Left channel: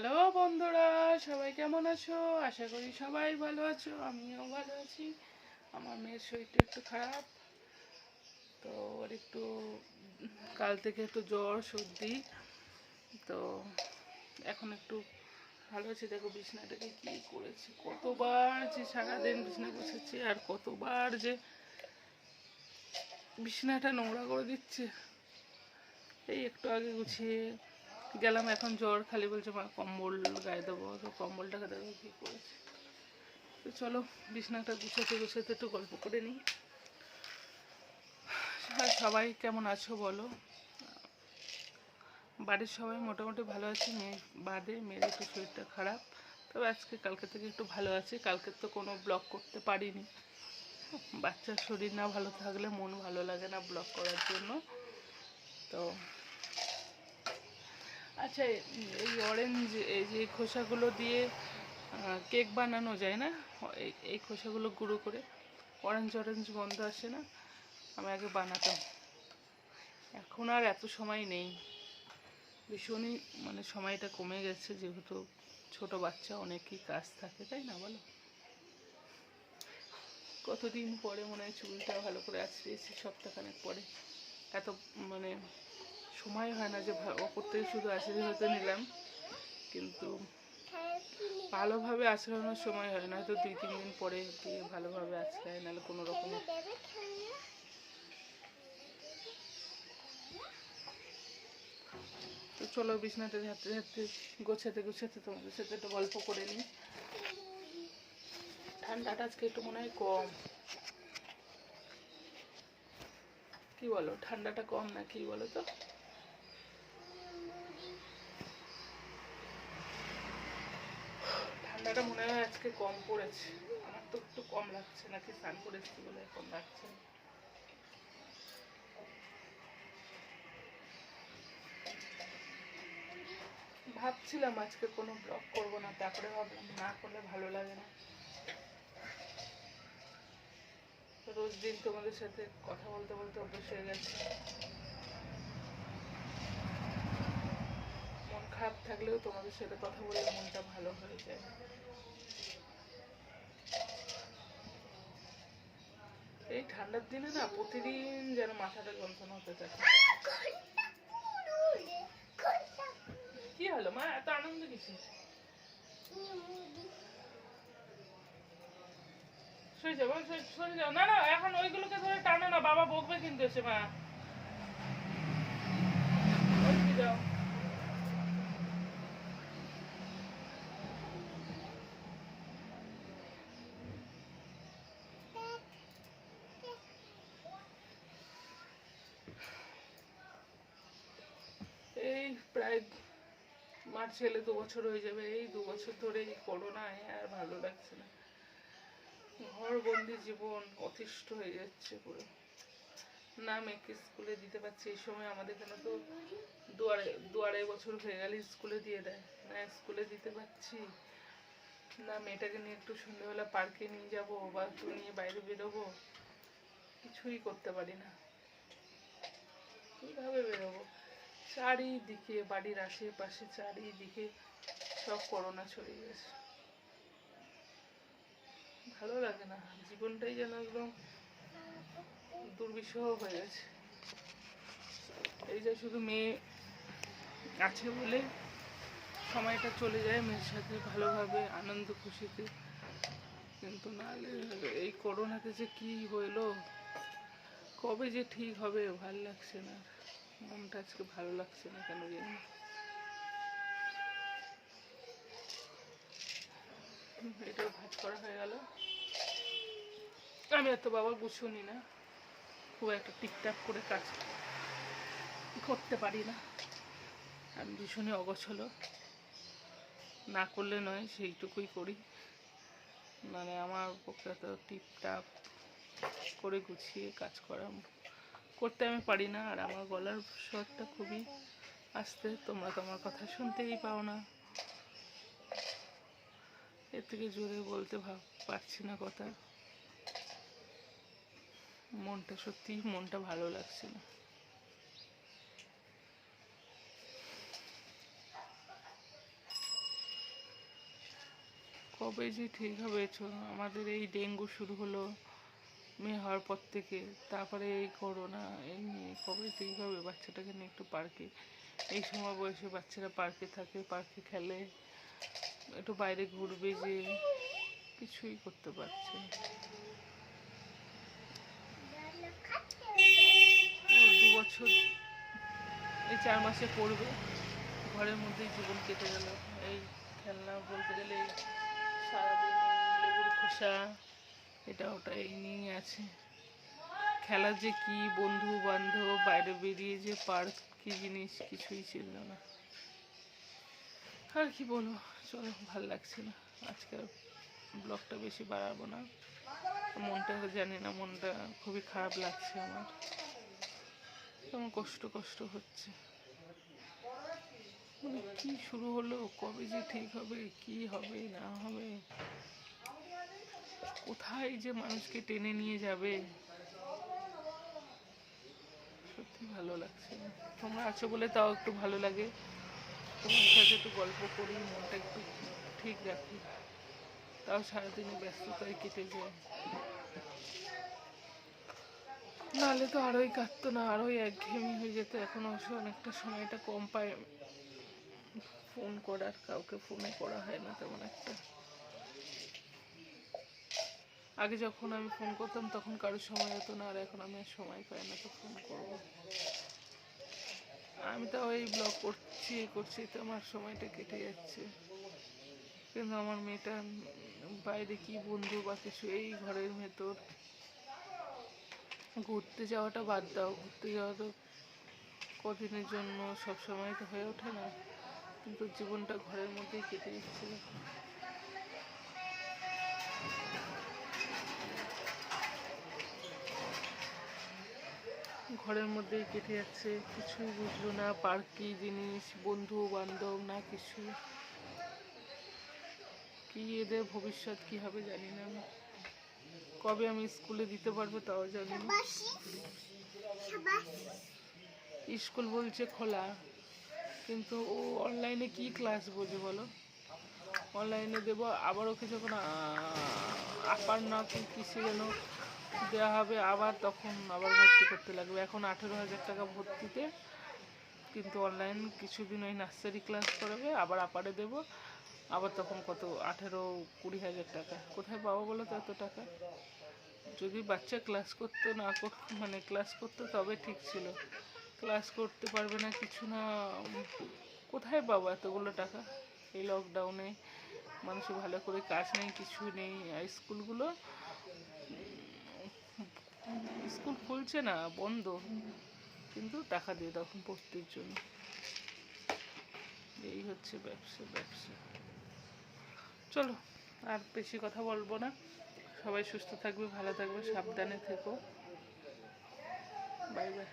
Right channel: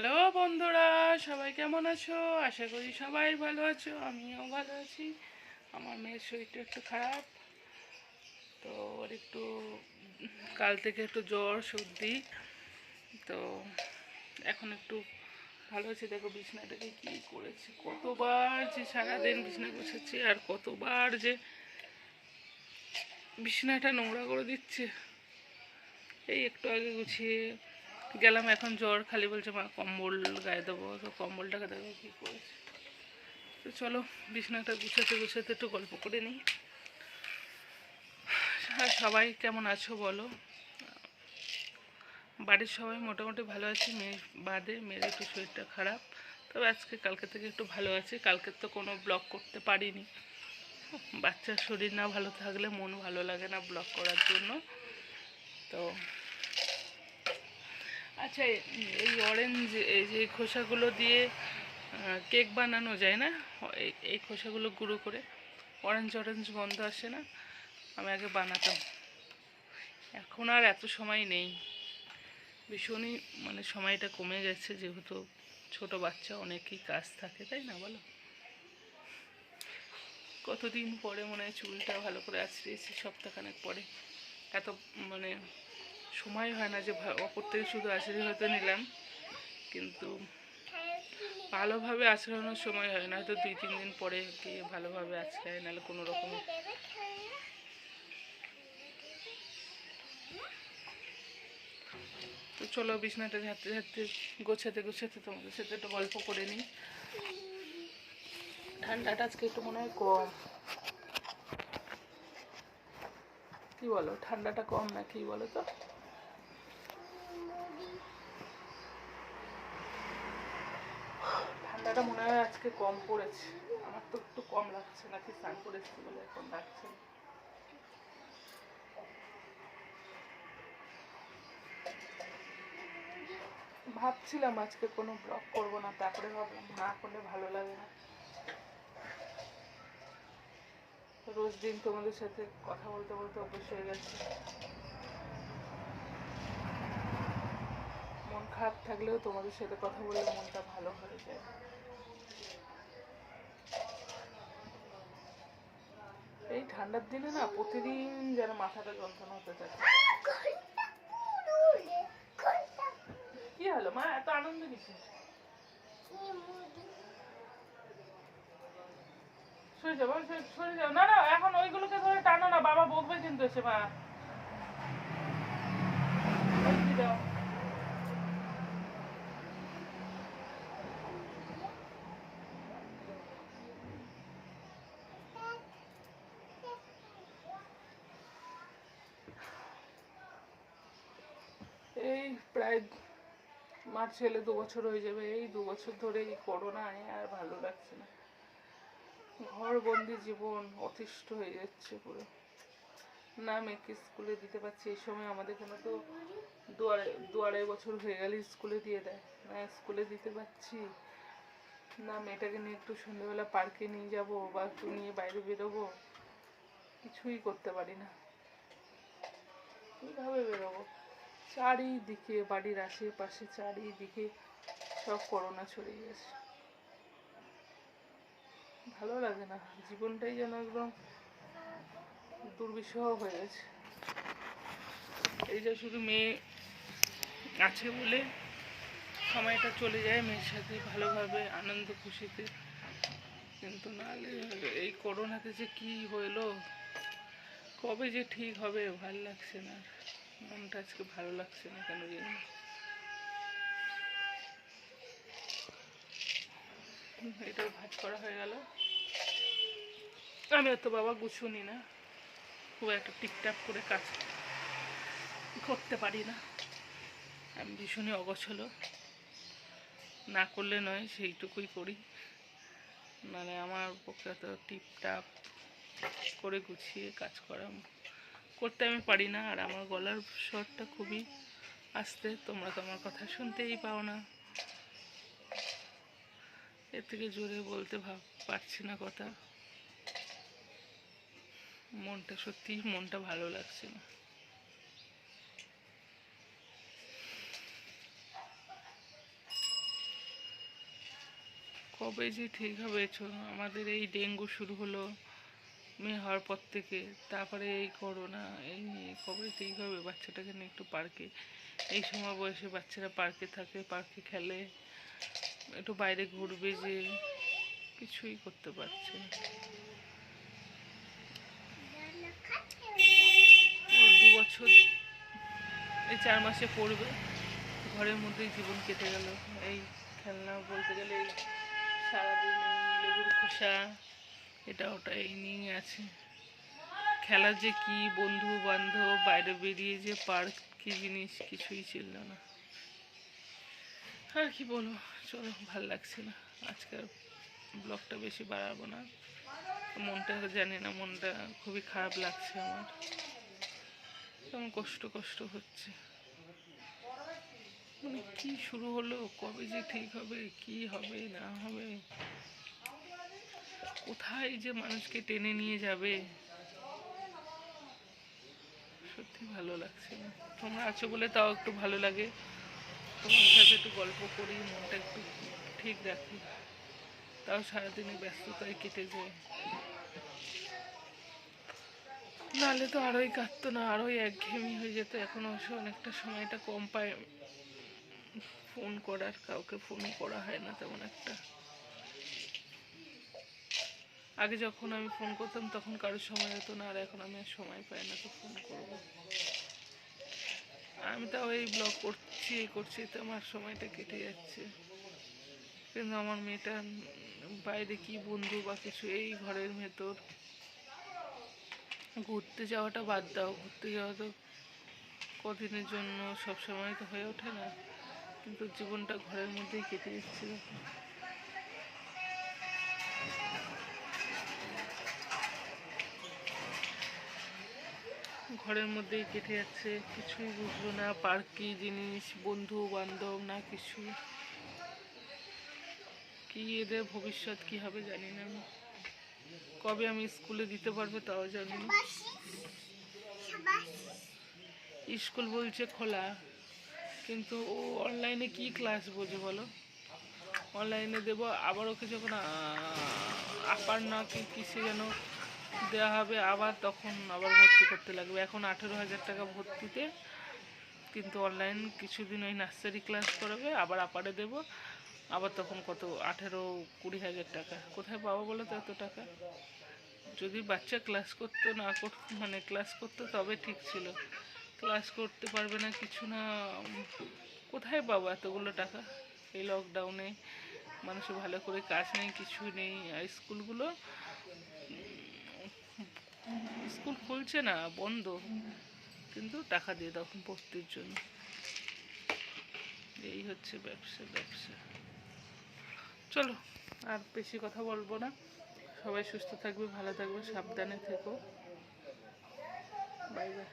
Hello বন্ধুরা, সবাই কেমন আছো? আশা করি সবাই ভালো আছো, আমিও ভালো আছি। আমার মেয়ের শরীরটা একটু খারাপ, তো ওর একটু, কাল থেকে একটু জ্বর, সর্দি, তো এখন একটু ভালো আছে। দেখো বিছনাটাকে কী করেছি, কতবার যে সারাদিন বিছনা বসেছি আর কতবার যে বিছনাটা নোংরা করে দিচ্ছে। এই একটু আগে গুছিয়ে গেলাম, এখন জ্বর খালি বলছে, মা, কম্বল গায়ে দেবো। তো কম্বলটাকে দেবো, কী করেছে? তো চলো, বিছনাটা গুছাতে গুছাতে একটু গল্প করে নিই। হ্যাঁ সবাই কেমন আছো বলো? বাড়ির সবাই মোটামুটি ভালো আছে, মেয়ে বাদে মেয়ের একটু শরীরটা খারাপ। তবে আজকে কালকে থেকে একটু ভালো আছে, কালকে তো কোনো ব্লগ করতে পারিনি। বাচ্চার শরীর না ভালো থাকলে মন ভালো লাগে না ব্লগ করার জন্য। তো আচ্ছা এই অরেঞ্জ এই যে খোসাগুলো দিয়ে কেক বানানো যায় না? এই এই খোসাগুলো গুঁড়ো করে। অরেঞ্জ অরেঞ্জ গন্ধ আসে না? আমি আগে বানাতাম। এখন আর এত সময় নেই। ভীষণই মানে সময়টা কমে গেছে, যেহেতু ছোট বাচ্চা, অনেকই কাজ থাকে, তাই না বলো? কতদিন পরে মনে হয় চুলটা ভালো করে আছড়িয়েছি, সপ্তাহখানেক পরে। এত মানে সময় হয় না যে অপর থেকে শুধু আছড়ে হয়তো নিলাম, কিন্তু ভালোভাবে আছড়ানোর সময় হয় না, হয়তো দুই, তিন দিন পরে গিয়ে ভালোভাবে আছড়ায় নাহলে কোনো রকম তো চলো বিছনাটা ঝাড়তে ঝাড়তে, গোছাতে গোছাতে তোমাদের সাথে একটু গল্প করে নিই। ঠান্ডাটা আজকে একটু মনে হয় কম। কি বলো, ঠান্ডাটা কম না কি বলো তো? ঠান্ডাটা মনে হয় আজকে কম পড়েছে। আমার তো একটু কম লাগছে, নাকি স্নান করেছি বলে এখন লাগছে। ভাবছিলাম আজকে কোনো ব্লগ করব না, তারপরে ভাবলাম না করলে ভালো লাগে না। রোজ দিন তোমাদের সাথে কথা বলতে বলতে অভ্যেস হয়ে গেছে। মন খারাপ থাকলেও তোমাদের সাথে কথা বললে মনটা ভালো হয়ে যায়। এই ঠান্ডার দিনে না প্রতিদিন যেন মাথাটা যন্ত্রণা হতে থাকে। কি হলো? মা, এত আনন্দ কিছু না না, এখন ওইগুলোকে ধরে টানো না, বাবা বকবে কিন্তু এসে, মা। যাও এই প্রায় মার্চ এলে দু বছর হয়ে যাবে। এই দু বছর ধরে এই করোনায় আর ভালো লাগছে না। ঘর বন্দি জীবন অতিষ্ঠ হয়ে যাচ্ছে পুরো। না মেয়েকে স্কুলে দিতে পারছি, এই সময় আমাদের এখানে তো দু আড়াই দু আড়াই বছর হয়ে গেলে স্কুলে দিয়ে দেয়। না স্কুলে দিতে পারছি, না মেয়েটাকে নিয়ে একটু সন্ধ্যেবেলা পার্কে নিয়ে যাব বা একটু নিয়ে বাইরে বেরোবো। কিছুই করতে পারি না। কীভাবে বেরোবো? চারিদিকে, বাড়ির আশেপাশে চারিদিকে সব করোনা ছড়িয়ে গেছে। ভালো লাগে না, জীবনটাই যেন একদম দুর্বিষহ হয়ে গেছে। এই যে শুধু মেয়ে আছে বলে সময়টা চলে যায়, মেয়ের সাথে ভালোভাবে, আনন্দ, খুশিতে। কিন্তু নাহলে এই করোনাতে যে কি হইল কবে যে ঠিক হবে, ভালো লাগছে না। মনটা আজকে ভালো লাগছে না কেন জানি ভাত করা হয়ে গেল। আমি অত বাবা গুছুনি না। খুব একটা টিকটাক করে কাজ করতে পারি না। আমি ভীষণই অগোছলো। না করলে নয়, সেইটুকুই করি। মানে আমার পক্ষে তো টিপটাপ করে গুছিয়ে কাজ করা করতে আমি পারি না, আর আমার গলার স্বরটা খুবই আসতে। তোমরা তো আমার কথা শুনতেই পাও না। এর থেকে জোরে বলতে ভাব পারছি না কথা। মনটা সত্যি, মনটা ভালো লাগছে না। কবে যে ঠিক হবে আমাদের এই ডেঙ্গু শুরু হলো। মেয়ে হওয়ার পর থেকে তারপরে এই করোনা, এই নিয়ে কবে ঠিক হবে? বাচ্চাটাকে নিয়ে একটু পার্কে, এই সময় বয়সে বাচ্চারা পার্কে থাকে, পার্কে খেলে, একটু বাইরে ঘুরবে যে কিছুই করতে পারছে না। দু বছর, এই চার মাসে পড়বে, ঘরের মধ্যেই জীবন কেটে গেল। এই খেলনা বলতে গেলে সারাদিন লেবুর খোসা এটা ওটা এই নিয়ে আছে। খেলার যে কি বন্ধু বান্ধব, বাইরে বেরিয়ে যে পার্ক কি জিনিস কিছুই ছিল না। আর কি বলব, চলো ভালো লাগছে না। আজকের ব্লগটা বেশি বাড়াবো না। মনটা জানি না, মনটা খুবই খারাপ লাগছে আমার। কেমন কষ্ট কষ্ট হচ্ছে। মানে কি শুরু হলো, কবে যে ঠিক হবে, কি হবে, না হবে। কোথায় যে মানুষকে টেনে নিয়ে যাবে? সত্যি ভালো লাগছে তোমরা আছো বলে তাও একটু ভালো লাগে। তোমার সাথে একটু গল্প করি, মনটা একটু ঠিক রাখি। তাও সারাদিনে ব্যস্ততায় কেটে যায়। নাহলে তো আরোই কাটতো না, আরোই একঘেয়েমি হয়ে যেত। এখন অবশ্য অনেকটা সময়টা কম পায়। ফোন করার, কাউকে ফোনও করা হয় না তেমন একটা। আগে যখন আমি ফোন করতাম, তখন কারোর সময় হতো না, আর এখন আমি আর সময় পাই না তো ফোন করব। আমি তাও এই ব্লগ করছি এই করছি, তো আমার সময়টা কেটে যাচ্ছে। কিন্তু আমার মেয়েটা বাইরে কি বন্ধু বা কিছু এই ঘরের ভেতর। ঘুরতে যাওয়াটা বাদ দাও, ঘুরতে যাওয়া তো কদিনের জন্য সব সময় তো হয়ে ওঠে না। কিন্তু জীবনটা ঘরের মধ্যেই কেটে যাচ্ছে। ঘরের মধ্যেই কেটে যাচ্ছে কিছুই বুঝলো না পার্ক জিনিস বন্ধু বান্ধব না কিছু কি এদের ভবিষ্যৎ কি হবে জানি না আমি কবে আমি স্কুলে দিতে পারব তাও জানি না স্কুল বলছে খোলা কিন্তু ও অনলাইনে কি ক্লাস বোঝে বলো অনলাইনে দেবো আবার ওকে যখন আপার না কি কিসে যেন দেওয়া হবে, আবার তখন আবার ভর্তি করতে লাগবে। এখন আঠেরো হাজার টাকা ভর্তিতে, কিন্তু অনলাইন কিছুদিন ওই নার্সারি ক্লাস করাবে, আবার আপারে দেব। আবার তখন কত? আঠেরো কুড়ি হাজার টাকা। কোথায় পাবো বলো তো এত টাকা? যদি বাচ্চা ক্লাস করতো, না কর মানে ক্লাস করতো, তবে ঠিক ছিল। ক্লাস করতে পারবে না কিছু না কোথায় পাবো এতগুলো টাকা? এই লকডাউনে মানুষের ভালো করে কাজ নেই, কিছু নেই স্কুলগুলো স্কুল খুলছে না, বন্ধ। কিন্তু টাকা দিয়ে তখন ভর্তির জন্য। এই হচ্ছে ব্যবসা ব্যবসা। চলো, আর বেশি কথা বলব না। সবাই সুস্থ থাকবে, ভালো থাকবে, সাবধানে থেকো। Bye bye.